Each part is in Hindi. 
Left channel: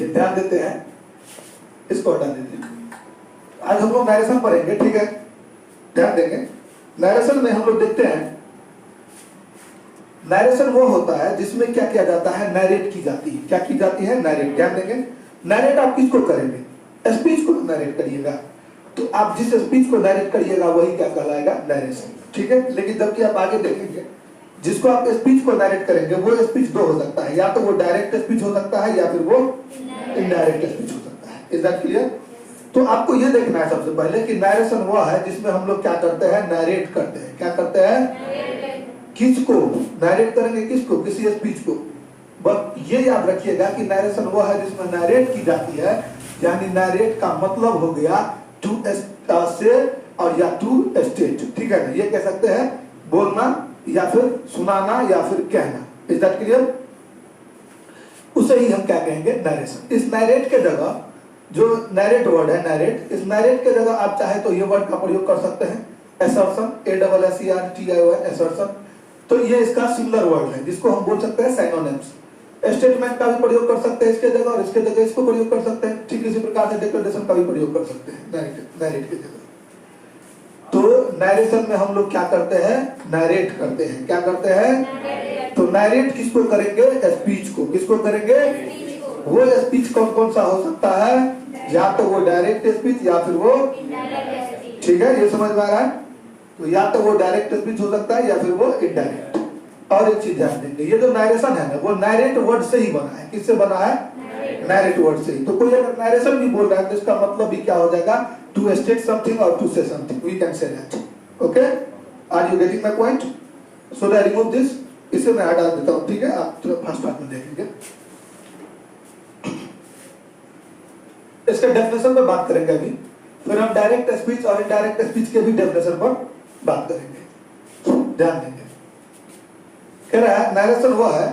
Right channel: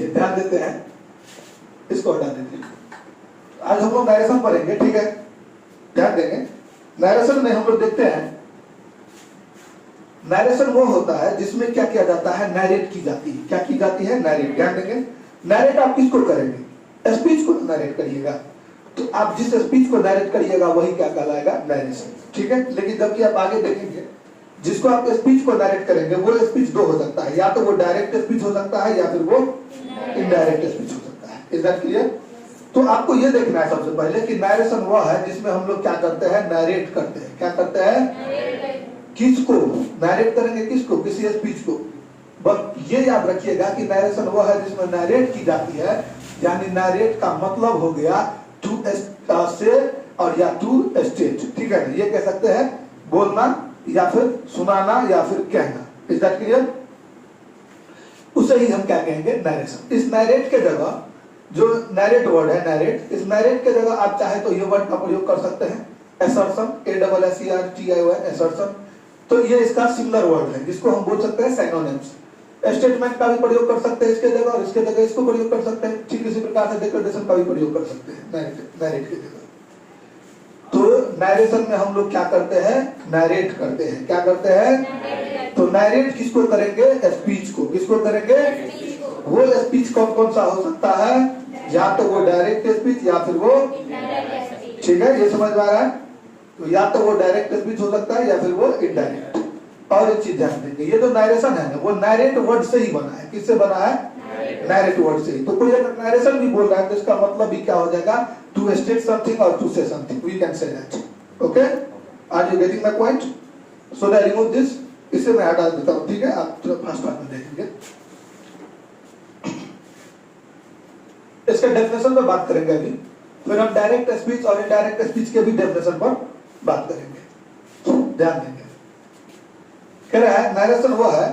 चलिए ध्यान देते हैं, इसको हटा देते हैं। आज हम लोग नरेशन पढ़ेंगे, ठीक है, ध्यान देंगे। नरेशन में हम लोग देखते हैं, नरेशन वो होता है जिसमें क्या किया जाता है, नरेट की जाती है। क्या की जाती है, नरेट। ध्यान देंगे, नरेट आप किसको करेंगे, स्पीच को नरेट करिएगा। तो आप जिस स्पीच को नरेट करिएगा वही क्या कहलाएगा, नरेशन, ठीक है। लेकिन जबकि आप आगे देखेंगे, जिसको आप स्पीच को नरेट करेंगे वो स्पीच दो हो सकता है, या तो वो डायरेक्ट स्पीच हो सकता है या फिर वो इनडायरेक्ट स्पीच हो सकता है। Is that clear? तो आपको ये देखना है सबसे पहले कि नरेशन वो है जिसमें हम लोग क्या करते हैं, नरेट करते हैं। क्या करते हैं, किसको नरेट करेंगे, किसको, किसी स्पीच को। बस ये याद रखिएगा कि नरेशन वो है जिसमें नरेट की जाती है, यानी नरेट का मतलब हो गया टू से और या टू स्टेट, ठीक है ना। ये कह सकते हैं बोलना या फिर सुनाना या फिर कहना। Is that clear? उसे ही हम क्या कहेंगे, नरेशन। इस नरेट के जगह जो नरेट वर्ड है, नरेट, इस नरेट के जगह आप चाहे तो ये वर्ड का प्रयोग कर सकते हैं, असर्शन, ASSERTION, असर्शन। तो ये इसका सिमिलर वर्ड है जिसको हम बोल सकते हैं सिनोनिम्स। स्टेटमेंट का भी प्रयोग कर सकते हैं इसके जगह, और इसके जगह इसको प्रयोग कर सकते हैं। ठीक इसी प्रकार से डिक्लेरेशन का भी प्रयोग कर सकते हैं नरेट के जगह। तो नरेशन में हम लोग क्या करते हैं, नरेट करते हैं। क्या करते हैं, तो नरेट किसको करेंगे, स्पीच को। किसको करेंगे, वो स्पीच कौन कौन सा हो सकता है, या तो वो डायरेक्ट स्पीच या फिर वो, ठीक है, ये समझ में आ रहा है। तो या तो वो डायरेक्ट स्पीच हो सकता है या फिर वो इनडायरेक्ट। और एक चीज ध्यान देंगे, ये जो नरेशन है ना, वो नरेट वर्ड से ही बना है। किससे बना है, नरेट वर्ड से ही। तो कोई अगर नरेशन भी बोल रहा है तो इसका मतलब भी क्या हो जाएगा, टू स्टेट समथिंग और to say something, we can say that. Okay, are you getting my point? So I remove this, इसे मैं हटा देता हूं, ठीक है। आप फर्स्ट पार्ट में देखेंगे, इसके डेफिनेशन पे बात करेंगे अभी, फिर हम डायरेक्ट स्पीच और इनडायरेक्ट स्पीच के भी डेफिनेशन पर बात करेंगे। ध्यान देंगे, कह रहा है नरेशन वो है,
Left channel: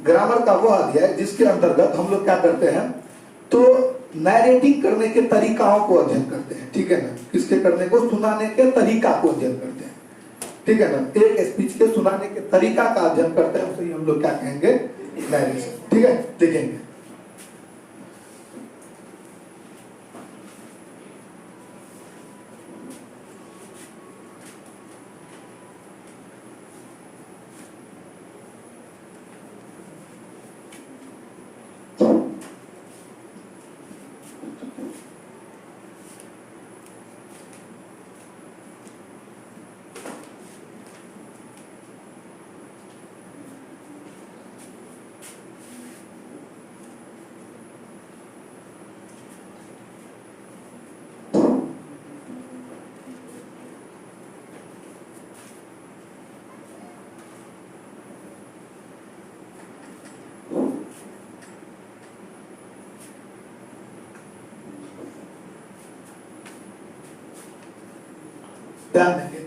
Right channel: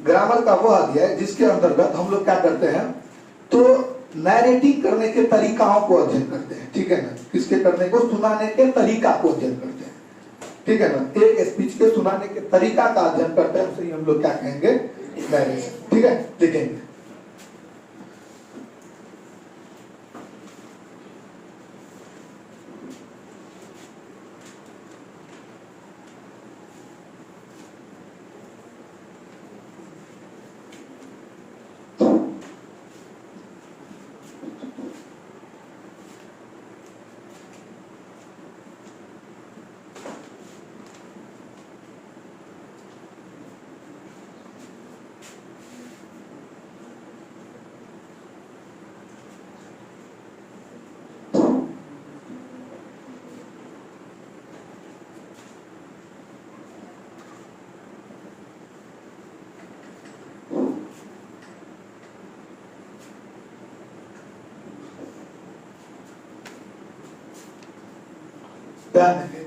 ग्रामर का वो अध्याय जिसके अंतर्गत हम लोग क्या करते हैं, तो नैरेटिंग करने के तरीकाओं को अध्ययन करते हैं, ठीक है ना। किसके करने को, सुनाने के तरीका को अध्ययन करते हैं, ठीक है ना। एक स्पीच के सुनाने के तरीका का अध्ययन करते हैं, उसे हम लोग क्या कहेंगे, नरेशन, ठीक है। देखेंगे,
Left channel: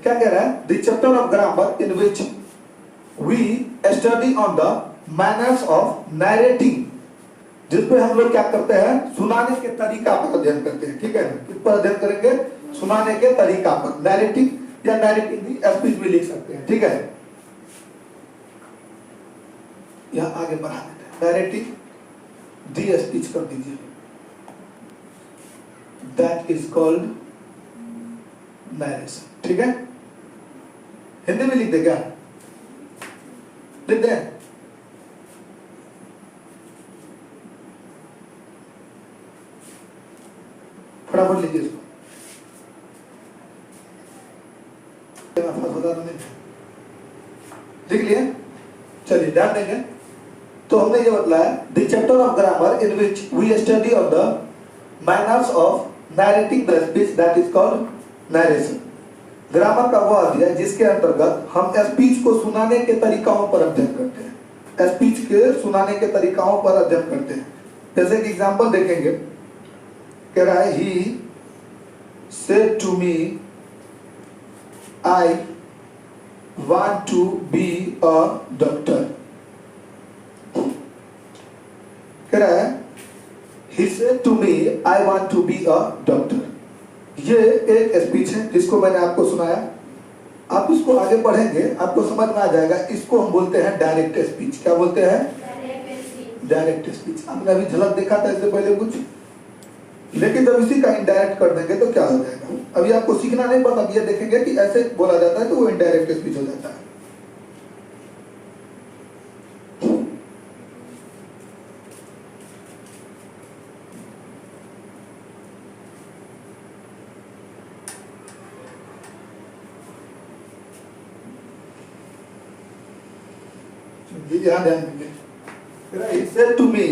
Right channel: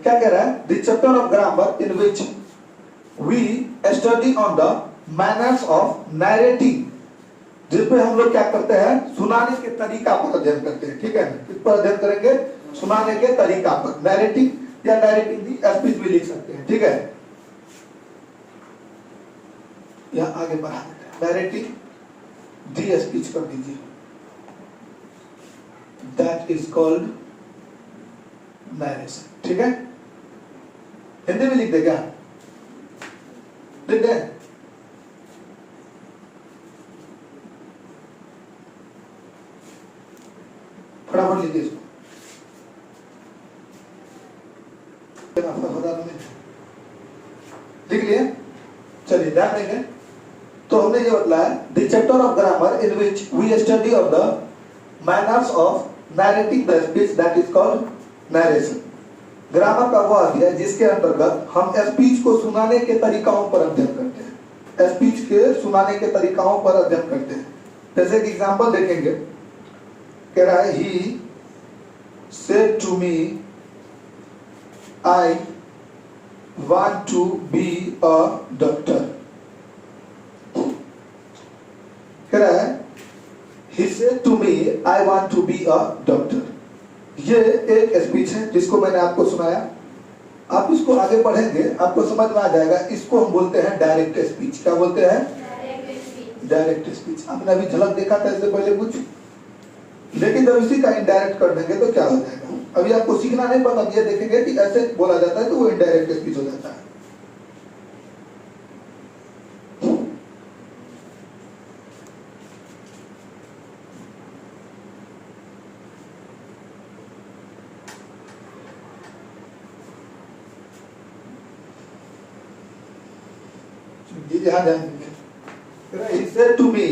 क्या कह रहा है, the chapter of grammar in which we study on the manners of narrating, जिसमें हम लोग क्या करते हैं, सुनाने के तरीका पर अध्ययन करते हैं, ठीक है ना। किस पर अध्ययन करेंगे, सुनाने के तरीका पर। नैरेटिंग या नैरेटिंग भी स्पीच भी लिख सकते हैं, ठीक है। यहां आगे बढ़ा देते हैं, नैरेटिंग दी स्पीच कर दीजिए, दैट इज कॉल्ड नरेशन, ठीक है। हिंदी में लिख दे, क्या लिख दे, फटाफट लिखिए इसको, लिख लिए। चलिए ध्यान देंगे, तो हमने ये बताया, the chapter of grammar in which we study of the manners of narrating the speech that is called narration. Grammar का वो अध्याय जिसके अंतर्गत हम स्पीच को सुनाने के तरीकाओं पर अध्ययन करते हैं। स्पीच के सुनाने के तरीकाओं पर अध्ययन करते हैं। जैसे एक एग्जांपल देखेंगे, कह रहा है, he said to me I want to be a doctor. कह रहा है, he said to me I want to be a doctor. ये एक स्पीच है जिसको मैंने आपको सुनाया। आप इसको आगे पढ़ेंगे, आपको समझ में आ जाएगा। इसको हम बोलते हैं डायरेक्ट स्पीच। क्या बोलते हैं, डायरेक्ट स्पीच। आपने अभी झलक देखा था इससे पहले कुछ, लेकिन जब इसी का इनडायरेक्ट कर देंगे तो क्या हो जाएगा। अभी आपको सीखना नहीं पड़ता, अब ये देखेंगे कि ऐसे बोला जाता है तो वो इनडायरेक्ट स्पीच हो जाता है। ध्यान देंगे, he said to me,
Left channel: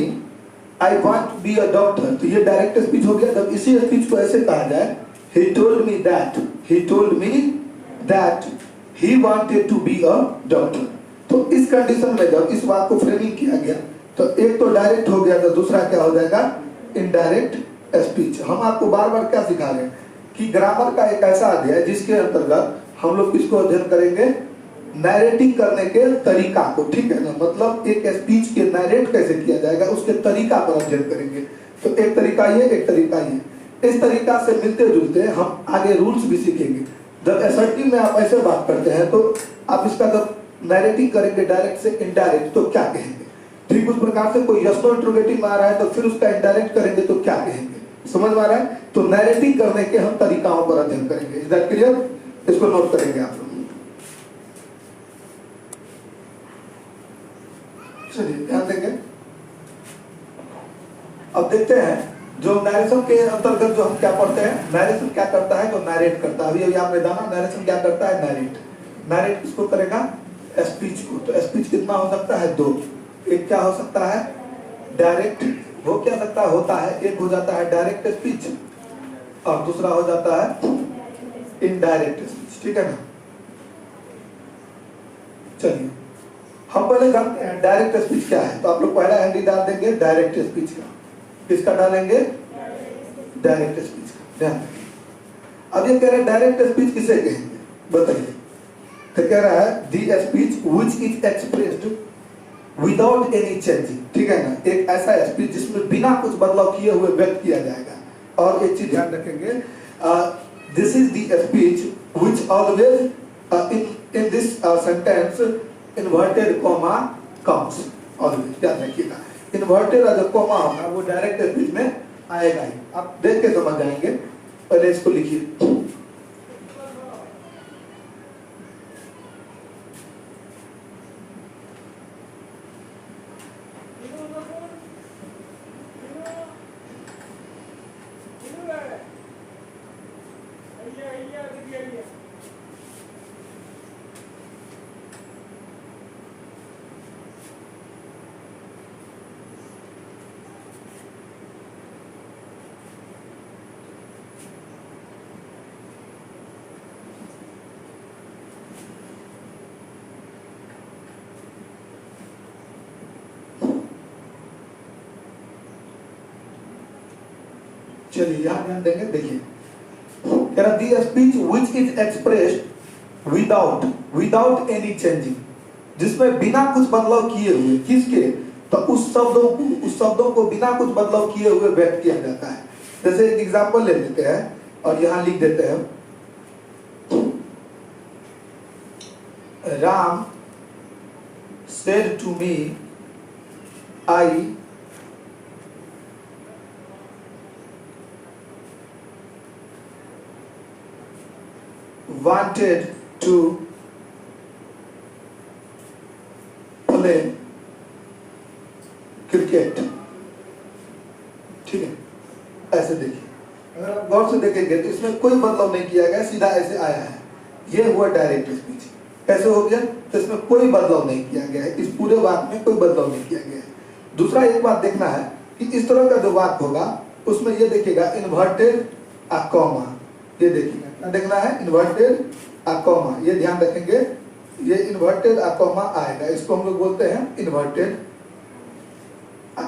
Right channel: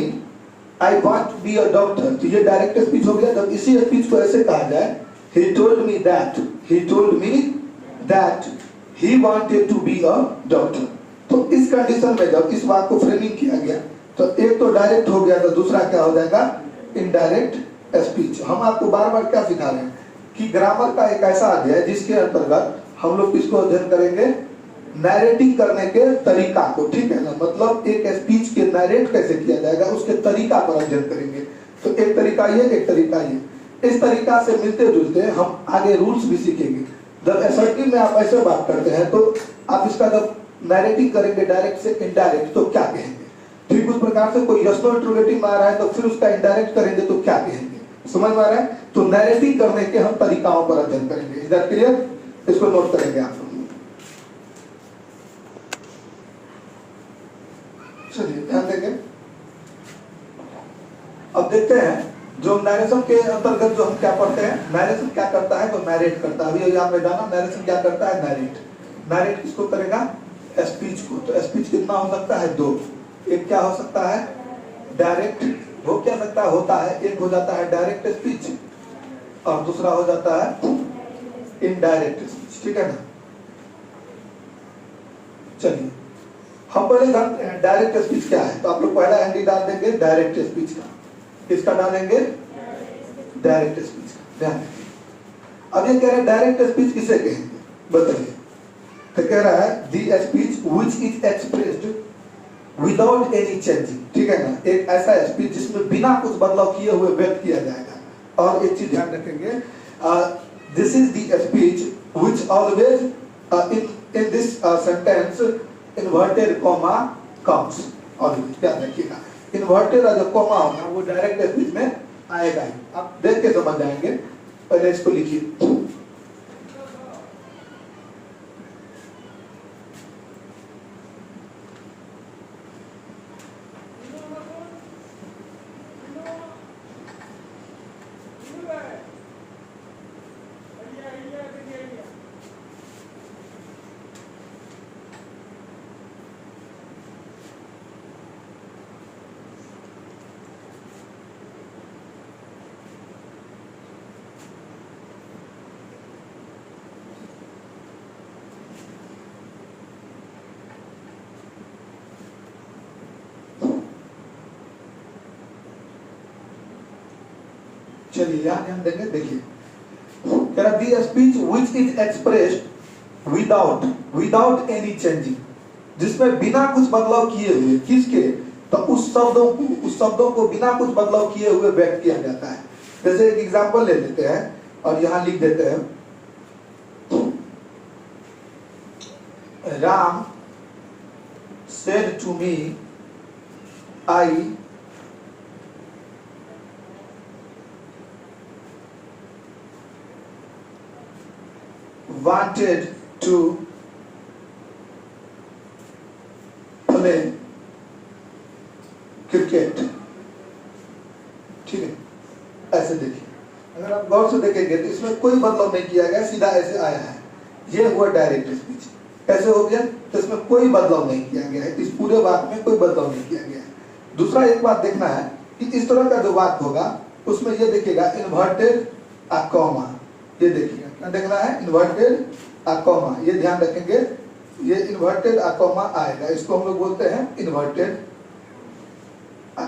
I want to be a doctor। तो ये डायरेक्ट स्पीच हो गया। जब इसी स्पीच को ऐसे कहा जाए, he told me that he wanted to be a doctor। तो इस कंडीशन में जब इस बात को फ्रेमिंग किया गया तो एक तो डायरेक्ट हो गया, तो दूसरा क्या हो जाएगा, इनडायरेक्ट स्पीच। हम आपको बार बार क्या सिखा रहे हैं कि ग्रामर का एक ऐसा अध्याय जिसके अंतर्गत हम लोग किसको अध्ययन करेंगे, नैरेटिंग करने के तरीका को, ठीक है ना। मतलब एक स्पीच के नैरेट कैसे किया जाएगा उसके तरीका पर अध्ययन करेंगे। तो एक तरीका ये, एक तरीका ये। इस तरीका से मिलते जुलते हम आगे रूल्स भी सीखेंगे। जब असर्टिव में आप ऐसे बात करते हैं तो आप इसका जब नैरेटिंग करेंगे डायरेक्ट से इनडायरेक्ट तो क्या कहेंगे। ठीक उस प्रकार से कोई यस नो इंटरोगेटिव आ रहा है तो फिर उसका इनडायरेक्ट करेंगे तो क्या कहेंगे, समझ में आ रहा है। तो नैरेटिंग करने के हम तरीकाओं पर अध्ययन करेंगे। Is that clear? इसको नोट करेंगे आप। चलिए ध्यान देंगे। अब देखते हैं जो नैरेशन के अंतर्गत जो हम क्या पढ़ते हैं, नैरेशन क्या करता है, तो नैरेट करता है। अभी आपने जाना नैरेशन क्या करता है, नैरेट। नैरेट किसको करेगा, स्पीच को। तो स्पीच कितना हो सकता है, दो। एक क्या हो सकता है, डायरेक्ट, वो क्या सकता है, होता है। एक हो जाता है डायरेक्ट स्पीच और दूसरा हो जाता है इनडायरेक्ट स्पीच, ठीक है ना। चलिए हम पहले जानते हैं डायरेक्ट स्पीच क्या है। तो आप लोग पहला एंट्री डाल देंगे डायरेक्ट स्पीच का। किसका डालेंगे, डायरेक्ट स्पीच का। ध्यान अब ये कह रहे हैं डायरेक्ट स्पीच किसे कहेंगे, बताइए। तो कह रहा है the speech which is expressed without any changing, ठीक है ना। एक ऐसा स्पीच जिसमें बिना कुछ बदलाव किए हुए व्यक्त किया जाएगा। और एक चीज ध्यान रखेंगे, this is the speech which always in this sentence inverted comma comes. Always ध्यान रखिएगा, इन्वर्टेड जो कॉमा होगा वो डायरेक्ट स्पीच में आएगा ही। आप देख के समझ जाएंगे। पहले इसको लिखिए। चलिए यहां ध्यान देंगे। देखिए the speech which is expressed without any changing, जिसमें बिना कुछ बदलाव किए हुए, किसके, तो उस शब्दों को बिना कुछ बदलाव किए हुए व्यक्त किया जाता है। जैसे एक एग्जांपल ले लेते हैं और यहां लिख देते हैं, Ram said to me I wanted to play cricket, ठीक है। ऐसे देखिए, अगर आप गौर से देखेंगे तो इसमें कोई बदलाव नहीं किया गया, सीधा ऐसे आया है। ये हुआ डायरेक्ट स्पीच। कैसे हो गया, तो इसमें कोई बदलाव नहीं किया गया है, इस पूरे वाक्य में कोई बदलाव नहीं किया गया है। दूसरा एक बात देखना है कि इस तरह का जो वाक्य होगा उसमें ये देखिएगा इन्वर्टेड अ कॉमा, ये देखिएगा क्या देखना है, इन्वर्टेड अ कॉमा। ये ध्यान रखेंगे, ये इन्वर्टेड अ कॉमा आएगा। इसको हम लोग बोलते हैं इन्वर्टेड,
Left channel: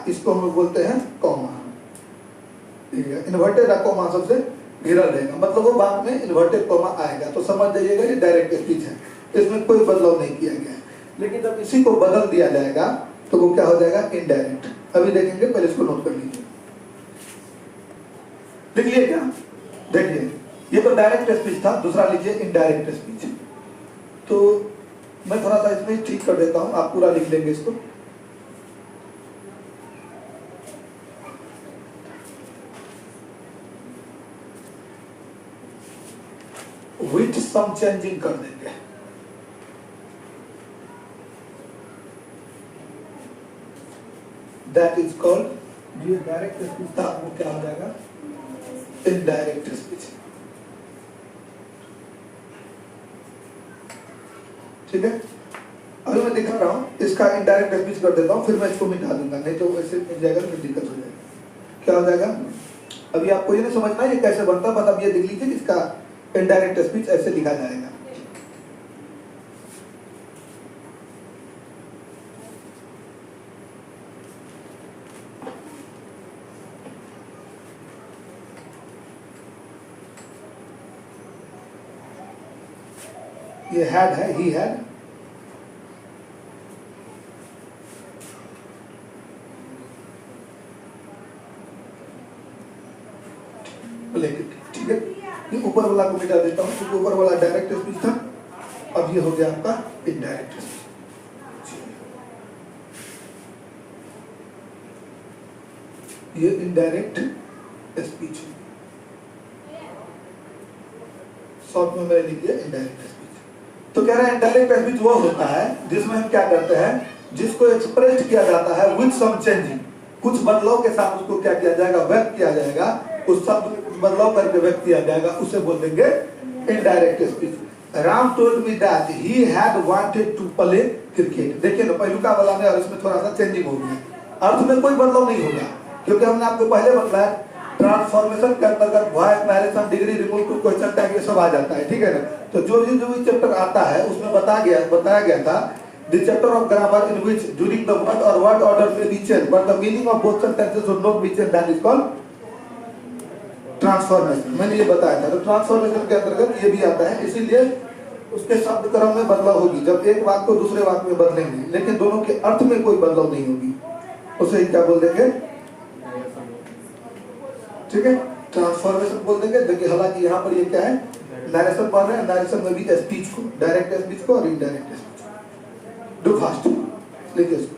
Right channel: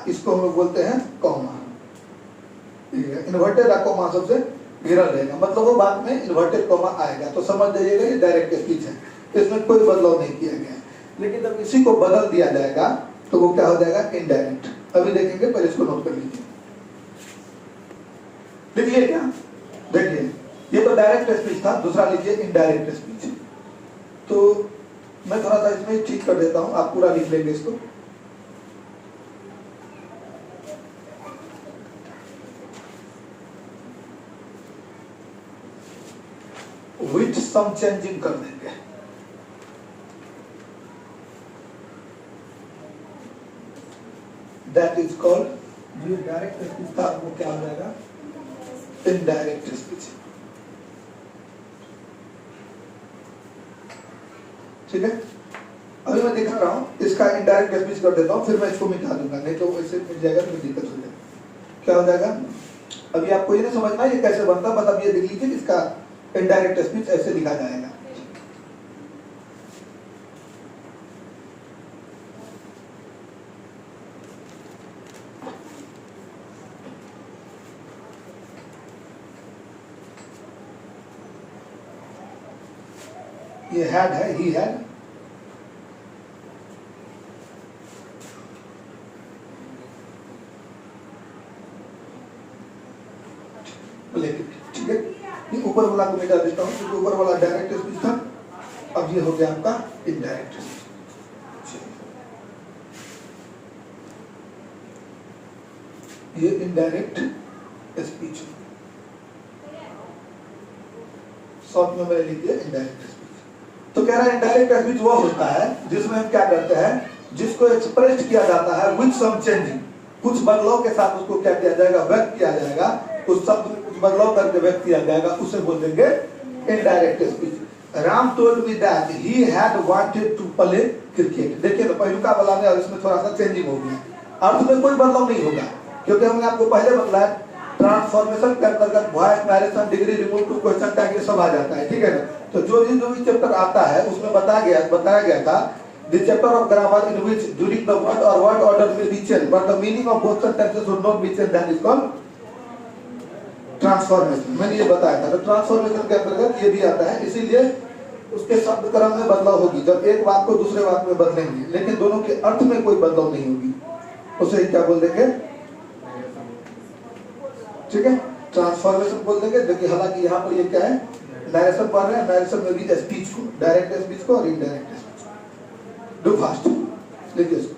इसको हम लोग बोलते हैं कॉमा। इन्वर्टेड अ कॉमा सबसे घिरा रहेगा, मतलब वो बात में इन्वर्टेड कॉमा आएगा। तो समझ जाइएगा ये डायरेक्ट स्पीच है, इसमें कोई बदलाव नहीं किया गया है। लेकिन जब इसी को बदल दिया जाएगा तो वो क्या हो जाएगा, इनडायरेक्ट। अभी देखेंगे, पहले इसको नोट कर लीजिए। देखिए क्या, देखिए ये तो डायरेक्ट स्पीच था, दूसरा लीजिए इनडायरेक्ट स्पीच। तो मैं थोड़ा सा इसमें ठीक कर देता हूं, आप पूरा लिख लेंगे इसको। विथ सम चेंजिंग कर देंगे। दैट इज कॉल्ड, जो डायरेक्ट स्पीच था वो क्या हो जाएगा, इनडायरेक्ट स्पीच। ठीक है, अभी मैं दिखा रहा हूँ, इसका इनडायरेक्ट स्पीच कर देता हूँ, फिर मैं इसको मिटा दूंगा, नहीं तो ऐसे मिल जाएगा, फिर दिक्कत हो जाएगी। क्या हो जाएगा, अभी आपको ये नहीं समझना ये कैसे बनता, बस अब ये लिख लीजिए इसका इनडायरेक्ट स्पीच ऐसे लिखा जाएगा। ये हैड है, ही हैड, ठीक है, ये ऊपर वाला को मिटा देता हूँ, क्योंकि ऊपर वाला डायरेक्ट स्पीच था, अब ये हो गया आपका इनडायरेक्ट स्पीच। ये इनडायरेक्ट स्पीच, शॉर्ट में मैंने लिख दिया इनडायरेक्ट स्पीच। तो कह रहा है इनडायरेक्ट स्पीच वो होता है जिसमें हम क्या करते हैं, जिसको एक्सप्रेस किया जाता है विद सम चेंजिंग, कुछ बदलाव के साथ उसको क्या किया जाएगा, व्यक्त किया जाएगा, उस शब्द में कुछ बदलाव करके व्यक्त किया जाएगा, उसे बोल देंगे indirect speech. Ram told me that he had wanted to play cricket. देखिए ना, पहलुका वाला में और इसमें थोड़ा सा चेंजिंग हो गया, अर्थ में कोई बदलाव नहीं होगा, क्योंकि हमने आपको पहले बताया ट्रांसफॉर्मेशन के अंतर्गत voice, narration, degree, remove to question tag, ये सब आ जाता है। ठीक है ना, तो जो भी चैप्टर आता है उसमें बताया गया था the chapter of grammar in which during the word or word order may be changed but the meaning of both sentences should not be changed, that is called transformation. मैंने ये बताया था, तो ट्रांसफॉर्मेशन के अंतर्गत ये भी आता है, इसीलिए उसके शब्द क्रम में बदलाव होगी, जब एक वाक्य को दूसरे वाक्य में बदलेंगे, लेकिन दोनों के अर्थ में कोई बदलाव नहीं होगी, उसे क्या बोल देंगे, ठीक है, ट्रांसफॉर्मेशन बोल देंगे। देखिए हालांकि यहाँ पर ये क्या है, नरेशन पढ़ रहे हैं, नरेशन में भी स्पीच को, डायरेक्ट स्पीच को और इनडायरेक्ट स्पीच को। डू फास्ट, लिखिए इसको,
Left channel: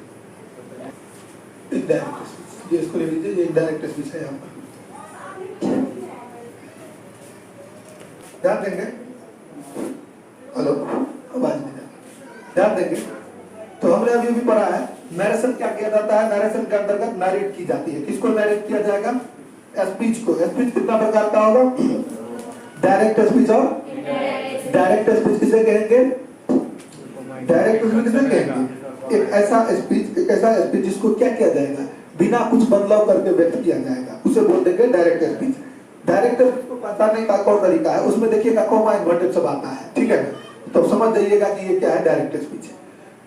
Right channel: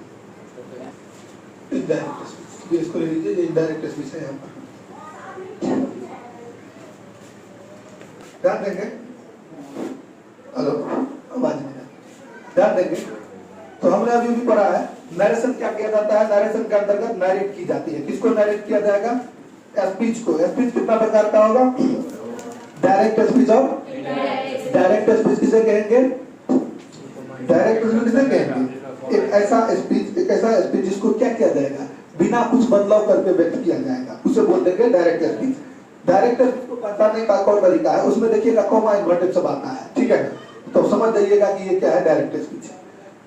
इनडायरेक्ट स्पीच, ये इसको ले लीजिए, ये इनडायरेक्ट स्पीच है यहाँ पर, ध्यान देंगे, हेलो आवाज नहीं, ध्यान देंगे। तो हमने अभी भी पढ़ा है नरेशन क्या किया जाता है, नरेशन के अंतर्गत नरेट की जाती है, किसको नरेट किया जाएगा, स्पीच को। स्पीच कितना प्रकार का होगा, डायरेक्ट स्पीच और डायरेक्ट स्पीच किसे कहेंगे, डायरेक्ट स्पीच किसे कहेंगे, एक ऐसा स्पीच जिसको क्या किया जाएगा, बिना कुछ बदलाव करके व्यक्त किया जाएगा, उसे बोल देंगे डायरेक्ट स्पीच। डायरेक्ट स्पीच को पहचानने का एक और तरीका है, उसमें देखिएगा कॉमा इन्वर्टेड सब आता है, ठीक है ना, तो समझ जाइएगा कि ये क्या है, डायरेक्ट स्पीच।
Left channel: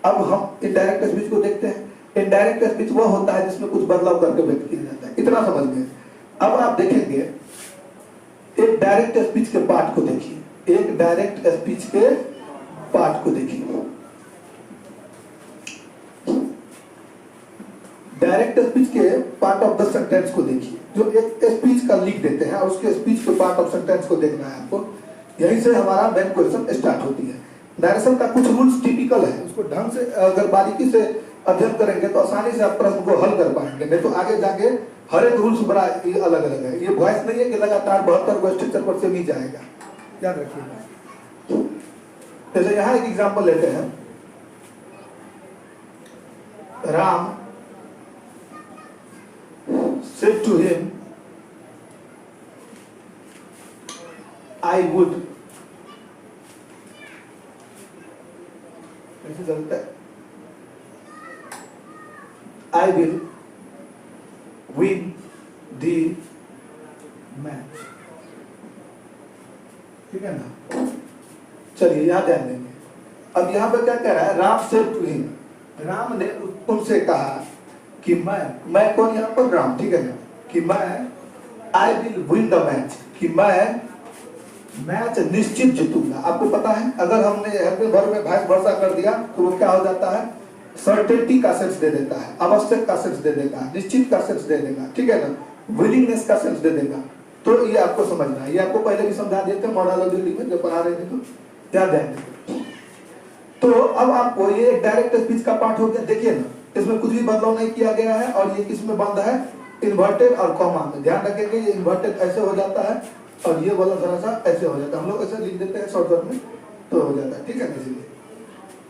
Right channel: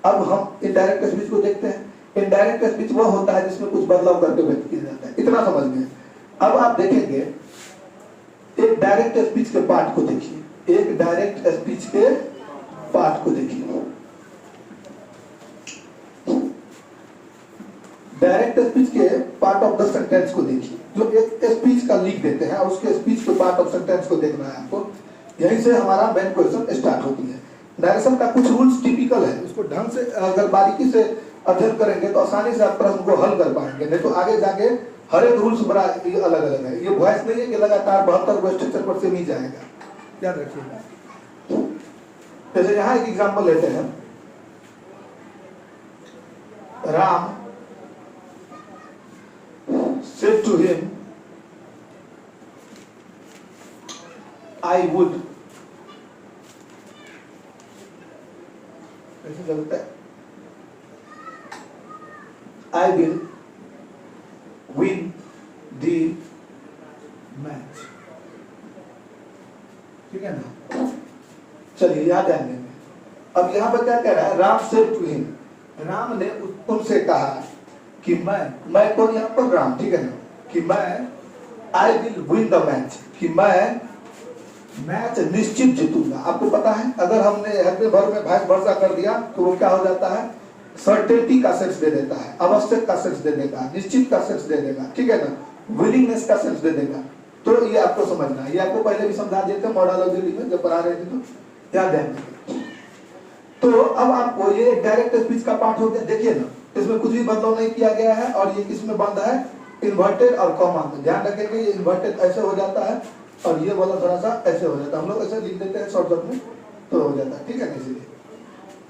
अब हम इनडायरेक्ट स्पीच को देखते हैं। इनडायरेक्ट स्पीच वो होता है जिसमें कुछ बदलाव करके व्यक्त किया जाता है, इतना समझ गए। अब आप देखेंगे एक डायरेक्ट स्पीच के पार्ट को देखिए, एक डायरेक्ट स्पीच के पार्ट को देखिए। डायरेक्ट स्पीच के पार्ट ऑफ द सेंटेंस को देखिए, जो एक स्पीच का लिख देते हैं और उसके स्पीच के पार्ट ऑफ सेंटेंस को देखना है आपको। यहीं से हमारा मेन क्वेश्चन स्टार्ट होती है। नरेशन का कुछ रूल्स टिपिकल है, उसको ढंग से अगर बारीकी से अध्ययन करेंगे तो आसानी से आप प्रश्न को हल कर पाएंगे, नहीं तो आगे जाके हर एक रूल्स बड़ा अलग अलग है। ये वॉइस नहीं है कि लगातार 72 क्वेश्चन पर से ही जाएगा, याद रखिएगा। जैसे यहाँ एक एग्जांपल लेते हैं, Ram said to him, I would, कैसे चलता है, I will win the match, ठीक है ना। चलिए यहाँ ध्यान देंगे। अब यहाँ पे क्या कह रहा है, Ram said to him, Ram ने उनसे कहा कि मैं कौन, यहाँ पर राम, ठीक है ना, कि मैं I will win the match, कि मैं मैच निश्चित जीतूंगा। आपको पता है अगर हमने अपने भर में भाई भरोसा कर दिया तो वो क्या हो जाता है, सर्टेनिटी का सेंस दे देता है, आवश्यक का सेंस दे देगा, निश्चित का सेंस दे देगा, ठीक है ना, विलिंगनेस का सेंस दे देगा। तो ये आपको समझना है, ये आपको पहले भी समझा दिया था मॉडोलॉजी में जब पढ़ा रहे थे, तो याद है। तो अब आपको ये डायरेक्ट स्पीच का पार्ट हो गया। देखिए ना, इसमें कुछ भी बदलाव नहीं किया गया है और ये किसमें बंद है, इन्वर्टेड और कॉमा में। ध्यान रखेंगे ये इन्वर्टेड ऐसे हो जाता है और ये वाला थोड़ा सा ऐसे हो जाता है, हम लोग ऐसे लिख देते हैं शॉर्टकट में तो हो जाता है, ठीक है। इसीलिए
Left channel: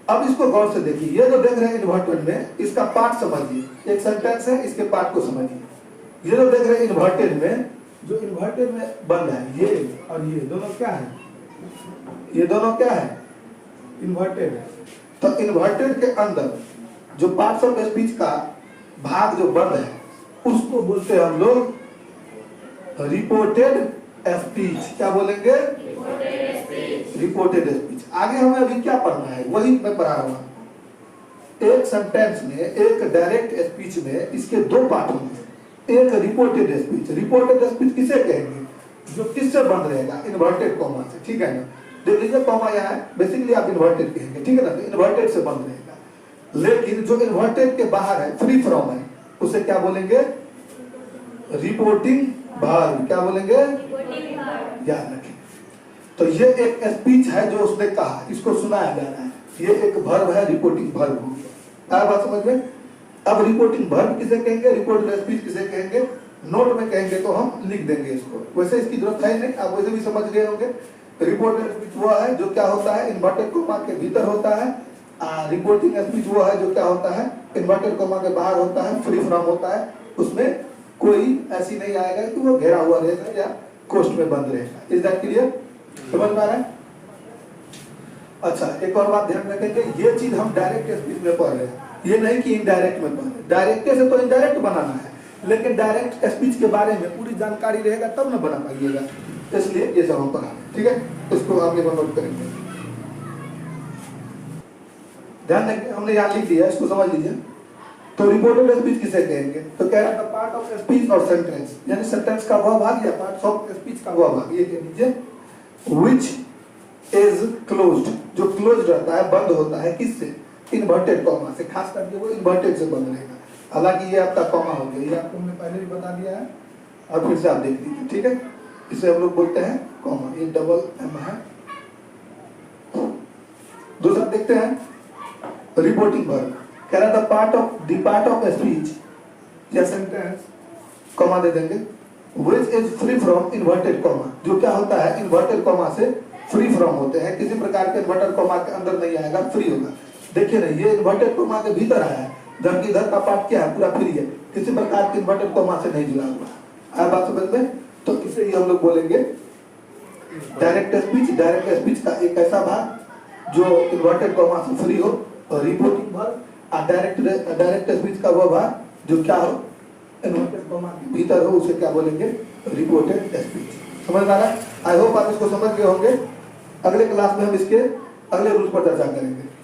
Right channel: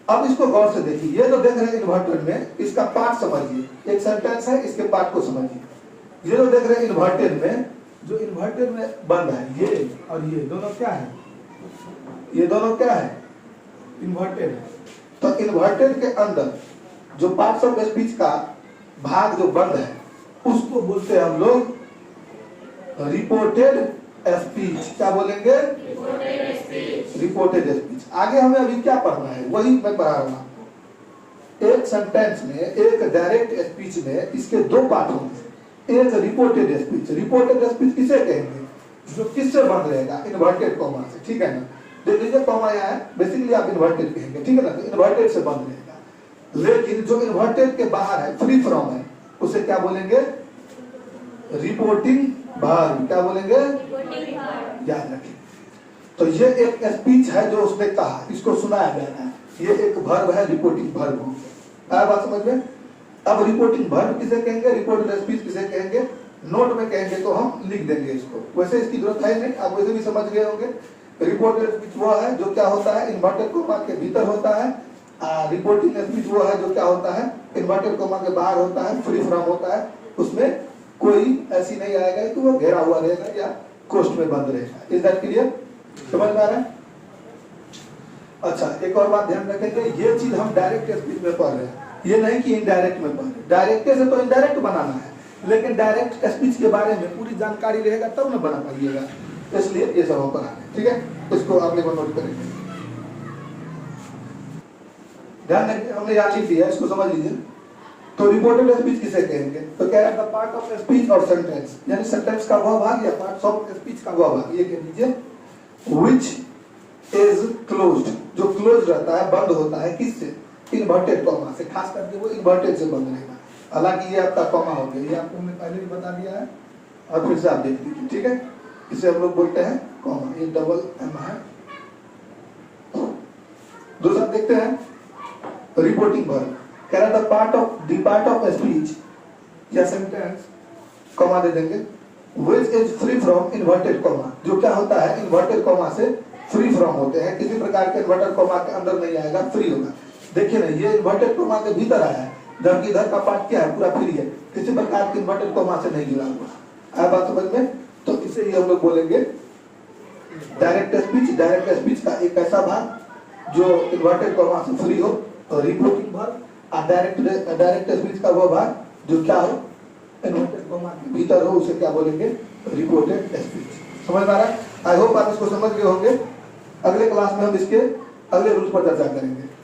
अब इसको गौर से देखिए, ये जो देख रहे हैं इन्वर्टेड में, इसका पार्ट समझिए, एक सेंटेंस है, इसके पार्ट को समझिए। ये जो देख रहे हैं इन्वर्टेड में, जो इन्वर्टेड में बंद है, ये और ये दोनों क्या है, ये दोनों क्या है, इन्वर्टेड है। तो इन्वर्टेड के अंदर जो पार्ट्स ऑफ स्पीच का भाग जो बंद है, उसको बोलते हैं हम लोग रिपोर्टेड स्पीच। क्या बोलेंगे, रिपोर्टेड स्पीच। आगे हमें अभी क्या पढ़ना है, वही मैं पढ़ा रहा हूं। एक सेंटेंस में, एक डायरेक्ट स्पीच में इसके दो पार्ट होंगे, एक रिपोर्टेड स्पीच। रिपोर्टेड स्पीच किसे कहेंगे, जो किससे बंद रहेगा, इन्वर्टेड कॉमा से, ठीक है ना। देख लीजिए कॉमा यहाँ है, बेसिकली आप इन्वर्टेड कहेंगे, ठीक है ना, तो इन्वर्टेड से बंद रहेगा। लेकिन जो इन्वर्टेड के बाहर है, फ्री फ्रॉम है, उसे क्या बोलेंगे, रिपोर्टिंग वर्ब। क्या बोलेंगे, याद रखें। तो ये एक स्पीच है जो उसने कहा, इसको सुनाया जाना है, ये एक वर्ब है, रिपोर्टिंग वर्ब हो गया। बात समझ में। अब रिपोर्टिंग वर्ब किसे कहेंगे, रिपोर्टेड स्पीच किसे कहेंगे, नोट में कहेंगे तो हम लिख देंगे इसको, वैसे इसकी जरूरत है नहीं, आप वैसे भी समझ गए होंगे। रिपोर्टेड स्पीच वो है जो क्या होता है, इन्वर्टेड कोमा के भीतर होता है। रिपोर्टिंग स्पीच वो है जो क्या होता है, इन्वर्टेड कोमा के बाहर होता है, फ्री फ्रॉम होता है, उसमें कोई ऐसी नहीं आएगा कि वो घेरा हुआ रहेगा या कोष्ठ में बंद रहेगा। इज दैट क्लियर, समझ में आ रहा है। अच्छा, एक और बात ध्यान रखेंगे, ये चीज हम डायरेक्ट स्पीच में पढ़ रहे हैं, ये नहीं कि इनडायरेक्ट में पढ़ रहे हैं। डायरेक्ट से तो इनडायरेक्ट बनाना है, लेकिन डायरेक्ट स्पीच के बारे में पूरी जानकारी रहेगा तब ना बना पाइएगा, इसलिए ये सब हम पढ़ा रहे हैं, ठीक है। इसको आगे नोट करेंगे, ध्यान देंगे, हमने यहाँ लिख दिया, इसको समझ लीजिए। तो रिपोर्टेड स्पीच किसे कहेंगे, तो कह रहा था पार्ट ऑफ स्पीच और सेंटेंस, यानी सेंटेंस का वह भाग या पार्ट ऑफ स्पीच का वह भाग, ये कह लीजिए व्हिच इज क्लोज्ड, जो क्लोज रहता है, बंद होता है, किससे, इन्वर्टेड कॉमा से, खास करके वो इन्वर्टेड से बंद रहेगा। हालांकि ये आपका कॉमा हो गया, ये आपको हमने पहले भी बता दिया है, और फिर से आप देख लीजिए, ठीक है। इसे हम लोग बोलते हैं कॉमा, ये डबल एम है। दूसरा देखते हैं रिपोर्टिंग वर्ब, कह रहा था पार्ट ऑफ स्पीच या सेंटेंस, कॉमा दे देंगे, which is free from inverted comma, जो क्या होता है, इन्वर्टेड कॉमा से फ्री फ्रॉम होते हैं, किसी प्रकार के इन्वर्टेड कॉमा के अंदर नहीं आएगा, फ्री होगा। देखिए ना, ये इन्वर्टेड कॉमा के भीतर आया है, जबकि इधर का पार्ट क्या है, पूरा फ्री है, किसी प्रकार के इन्वर्टेड कॉमा से नहीं जुड़ा हुआ। आप बात समझ में। तो इसे भी हम लोग बोलेंगे डायरेक्ट स्पीच। डायरेक्ट स्पीच का एक ऐसा भाग जो इन्वर्टेड कॉमा से फ्री हो, और रिपोर्टिंग वर्ब। डायरेक्ट स्पीच का वो भाग जो क्या हो, इन्वर्टेड कॉमा के भीतर हो, उसे क्या बोलेंगे, रिपोर्टेड स्पीच। समझ में आ रहा है। आई होप आप इसको समझ गए होंगे। अगले क्लास में हम इसके अगले रूल पर चर्चा करेंगे।